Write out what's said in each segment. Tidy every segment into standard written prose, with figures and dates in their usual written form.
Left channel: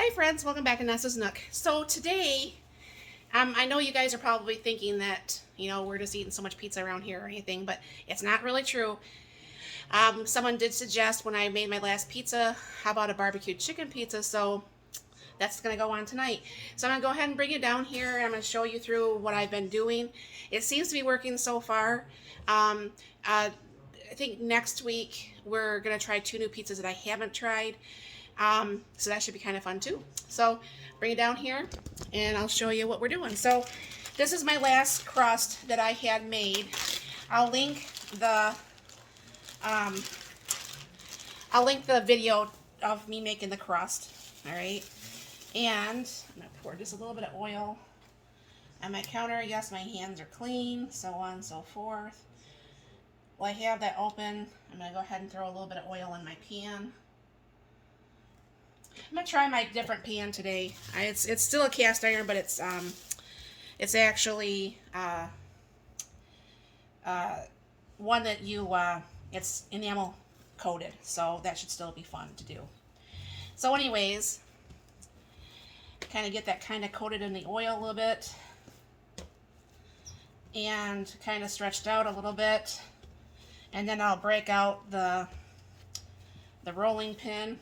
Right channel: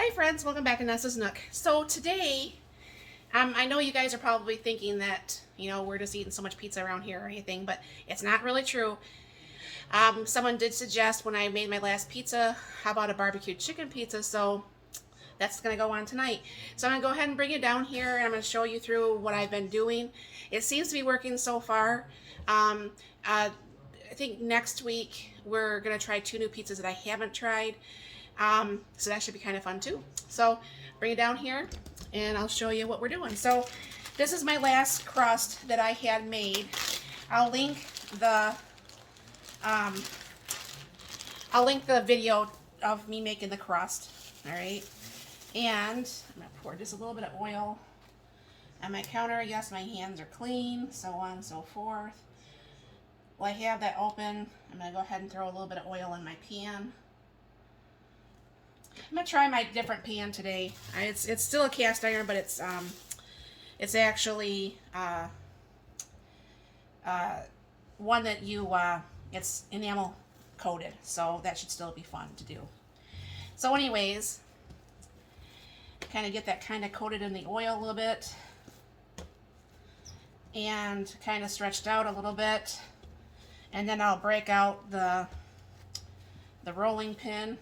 Hi friends, welcome back, and this is Nook. So today, I know you guys are probably thinking that, we're just eating so much pizza around here or anything, but it's not really true. Someone did suggest when I made my last pizza, how about a barbecue chicken pizza, so that's going to go on tonight. So I'm going to go ahead and bring you down here, and I'm going to show you through what I've been doing. It seems to be working so far. I think next week we're going to try 2 new pizzas that I haven't tried. So that should be kind of fun too. So bring it down here and I'll show you what we're doing. So this is my last crust that I had made. I'll link the video of me making the crust. All right. And I'm gonna pour just a little bit of oil on my counter. Yes, my hands are clean, so on and so forth. Well, I have that open. I'm gonna go ahead and throw a little bit of oil in my pan. I'm gonna try my different pan today. It's still a cast iron, but it's actually one that it's enamel coated, so that should still be fun to do. So anyways, kind of get that kind of coated in the oil a little bit and kind of stretched out a little bit, and then I'll break out the rolling pin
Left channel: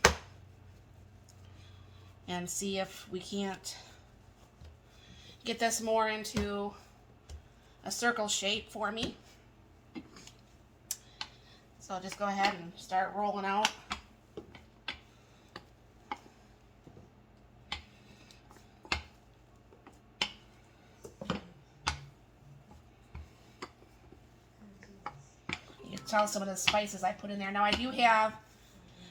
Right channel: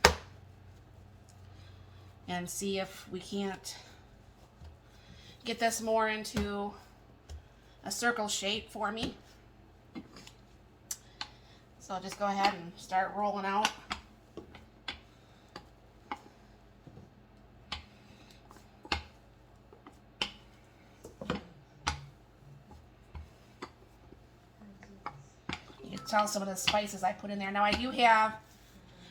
and see if we can't get this more into a circle shape for me. So I'll just go ahead and start rolling out. You can tell some of the spices I put in there. Now I do have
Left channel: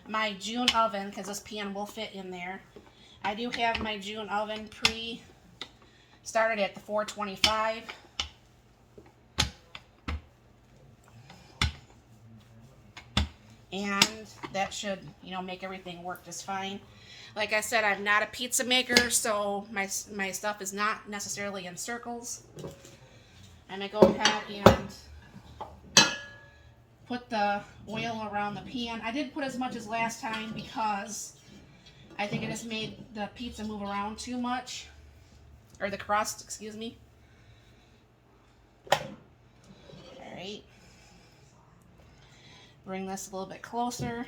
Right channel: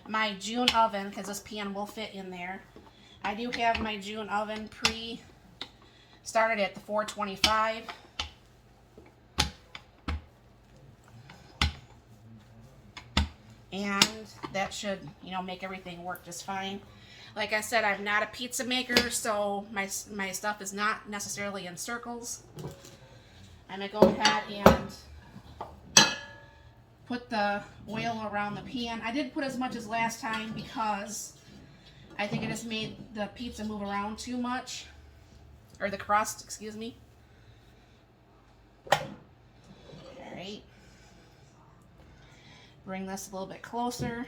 my June oven, because this pan will fit in there. I do have my June oven started at the 425. And that should, make everything work just fine. Like I said, I'm not a pizza maker, so my stuff is not necessarily in circles. I'm going to go ahead and put the oil around the pan. I didn't put as much as last time because I think it just made the pizza move around too much. Or the crust, excuse me. Alright. Bring this a little bit closer.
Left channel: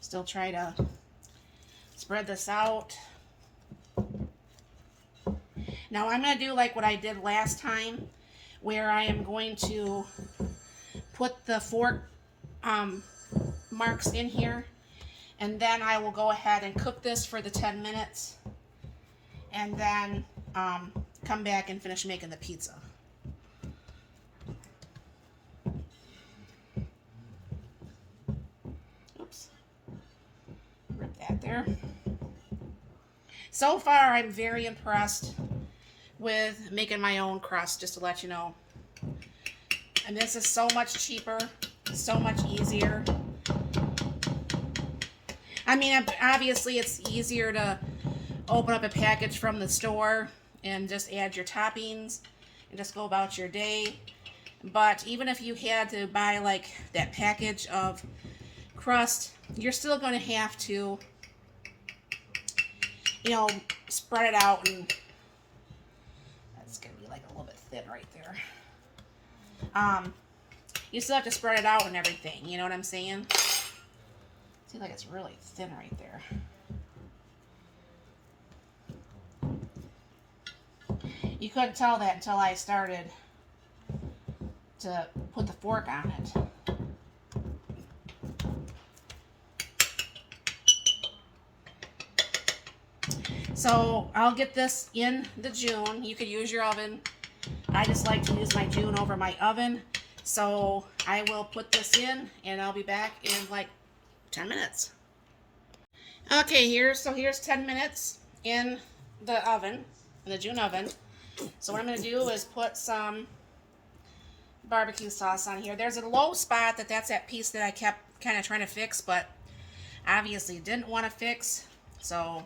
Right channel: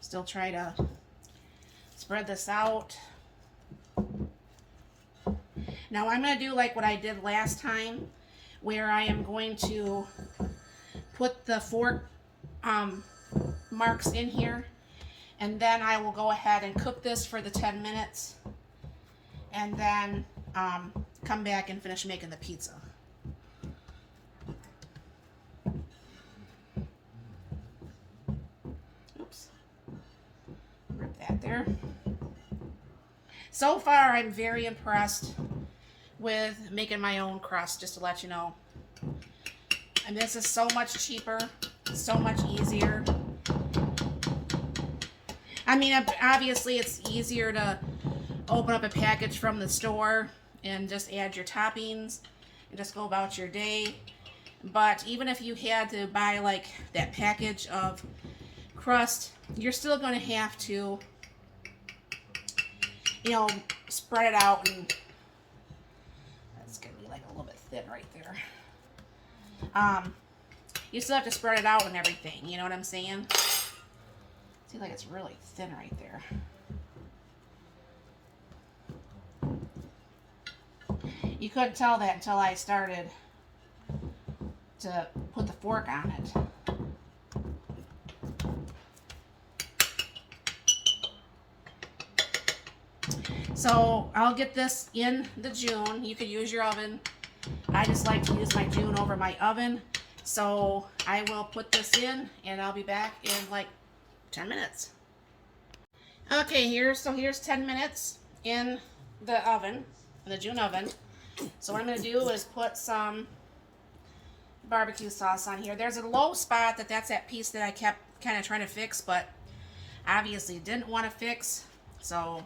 Still try to spread this out. Now I'm going to do like what I did last time, where I am going to put the fork marks in here, and then I will go ahead and cook this for the 10 minutes, and then come back and finish making the pizza. Oops. Rip that there. So far, I'm very impressed with making my own crust, just to let you know. And this is so much cheaper, so much easier. I mean, obviously it's easier to open up a package from the store and just add your toppings and just go about your day. But even if you had to buy like that package of crust, you're still going to have to, spread it out, and that's going to be like a little bit thin right there. You still have to spread it out and everything, you know what I'm saying? See, like it's really thin right there. You couldn't tell that until I started to put the fork on it. So I'll get this in the June. You could use your oven. I just like to use my June over my oven. So I will put this in, and I'll be back in like 10 minutes. Okay, here's 10 minutes in the oven, the June oven. So what I'm going to do is put some barbecue sauce on here. There's a low spot that's that piece that I kept kind of trying to fix, but obviously didn't want to fix. So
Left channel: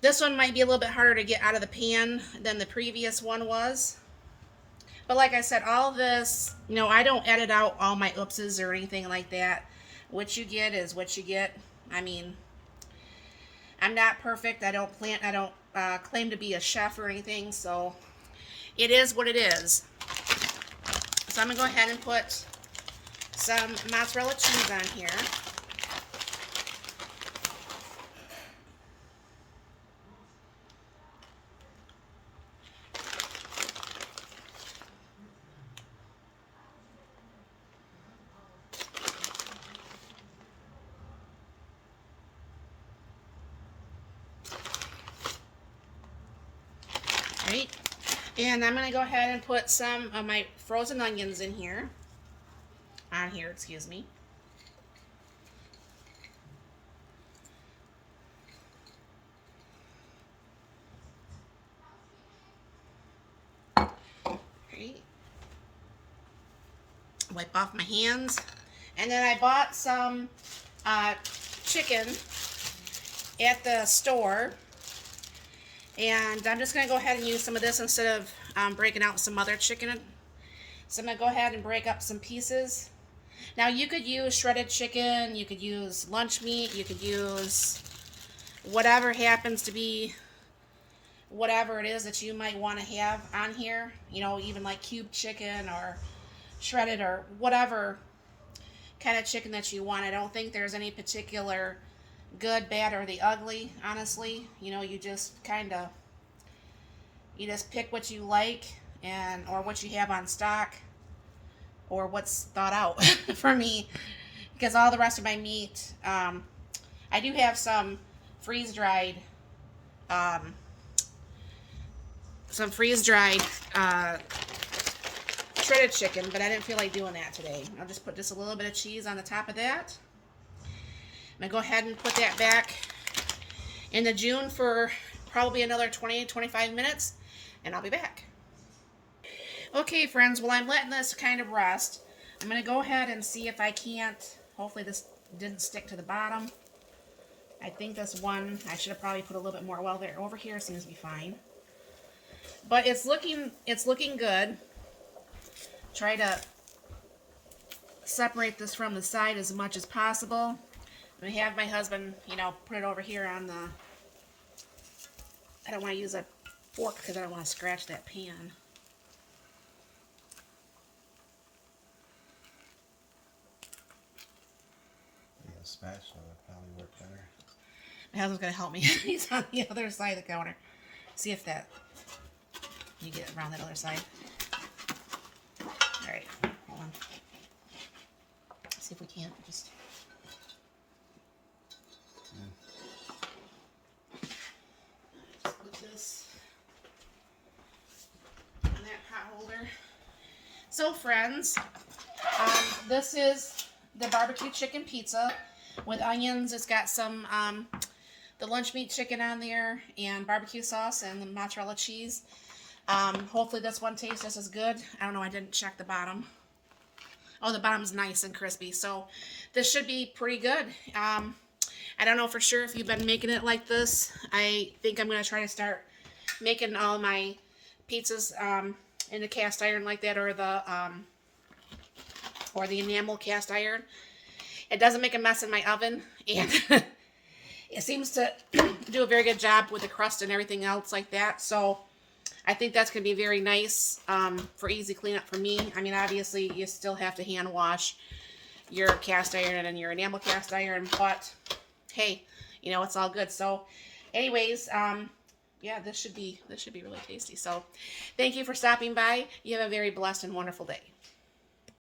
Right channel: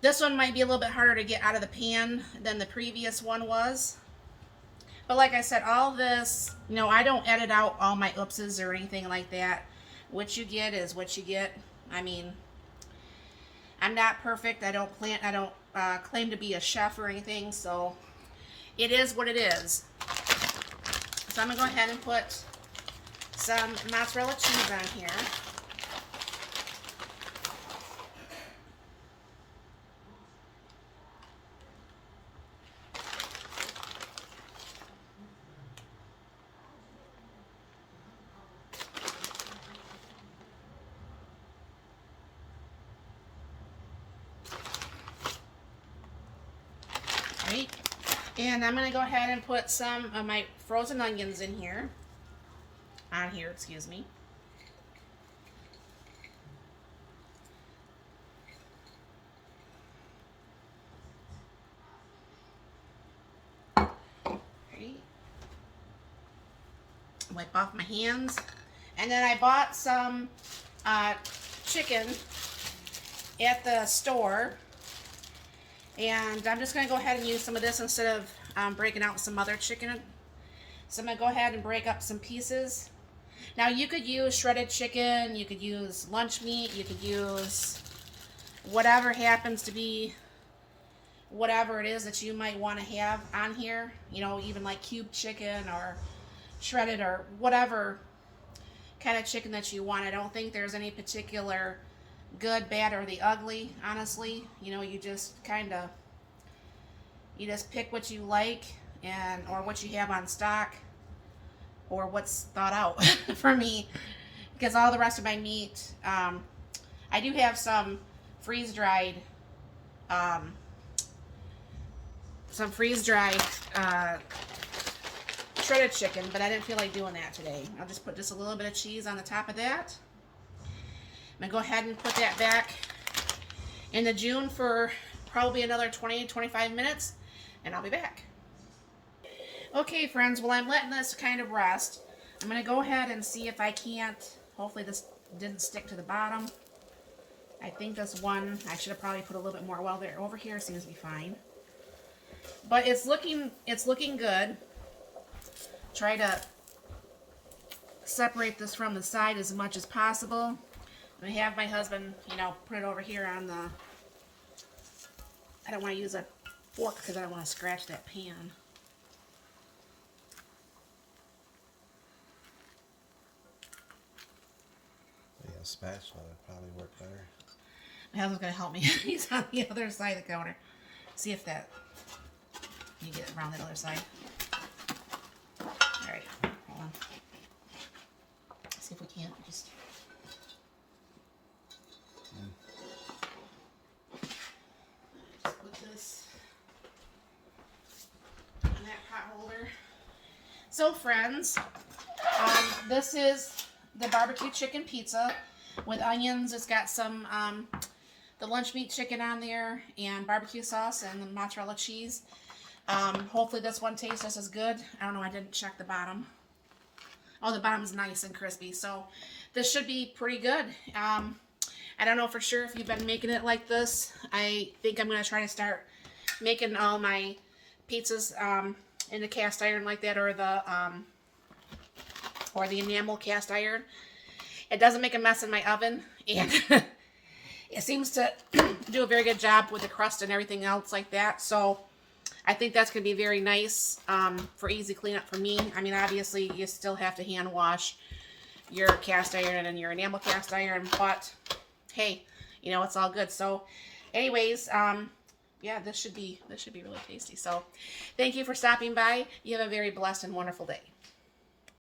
this one might be a little bit harder to get out of the pan than the previous one was. But like I said, all this, you know, I don't edit out all my oopses or anything like that. What you get is what you get. I mean, I'm not perfect. I don't claim to be a chef or anything, so it is what it is. So I'm gonna go ahead and put some mozzarella cheese on here. Right? And I'm going to go ahead and put some of my frozen onions in here. On here, excuse me. Right. Wipe off my hands. And then I bought some chicken at the store. And I'm just going to go ahead and use some of this instead of breaking out some other chicken. So I'm going to go ahead and break up some pieces. Now you could use shredded chicken, you could use lunch meat, you could use whatever happens to be, whatever it is that you might want to have on here. You know, even like cubed chicken or shredded or whatever kind of chicken that you want. I don't think there's any particular good, bad, or the ugly, honestly. You know, you just pick what you like or what you have on stock or what's thought out for me, because all the rest of my meat, I do have some freeze-dried shredded chicken, but I didn't feel like doing that today. I'll just put just a little bit of cheese on the top of that. I'm going to go ahead and put that back in the June for probably another 20-25 minutes, and I'll be back. Okay, friends, well, I'm letting this kind of rest. I'm going to go ahead and see if I can't, hopefully this didn't stick to the bottom. I think this one, I should have probably put a little bit more. Well, there, over here seems to be fine. But it's looking good. Try to separate this from the side as much as possible. I'm going to have my husband, you know, put it over here on the, I don't want to use a fork because I don't want to scratch that pan. Yeah, a spatula would probably work better. My husband's going to help me. He's on the other side of the counter. See if that, you get it around that other side. Alright, hold on. See if we can't just... Just put this in that pot holder. So friends, this is the barbecue chicken pizza with onions. It's got some the lunch meat chicken on there and barbecue sauce and the mozzarella cheese. Hopefully this one tastes just as good. I don't know, I didn't check the bottom. Oh, the bottom's nice and crispy, so this should be pretty good. I don't know for sure if you've been making it like this. I think I'm going to try to start making all my pizzas in a cast iron like that, or the enamel cast iron. It doesn't make a mess in my oven, and it seems to do a very good job with the crust and everything else like that. So I think that's going to be very nice for easy cleanup for me. I mean, obviously, you still have to hand wash your cast iron and your enamel cast iron, but hey, you know, it's all good. So anyways, yeah, this should be really tasty. So thank you for stopping by. You have a very blessed and wonderful day.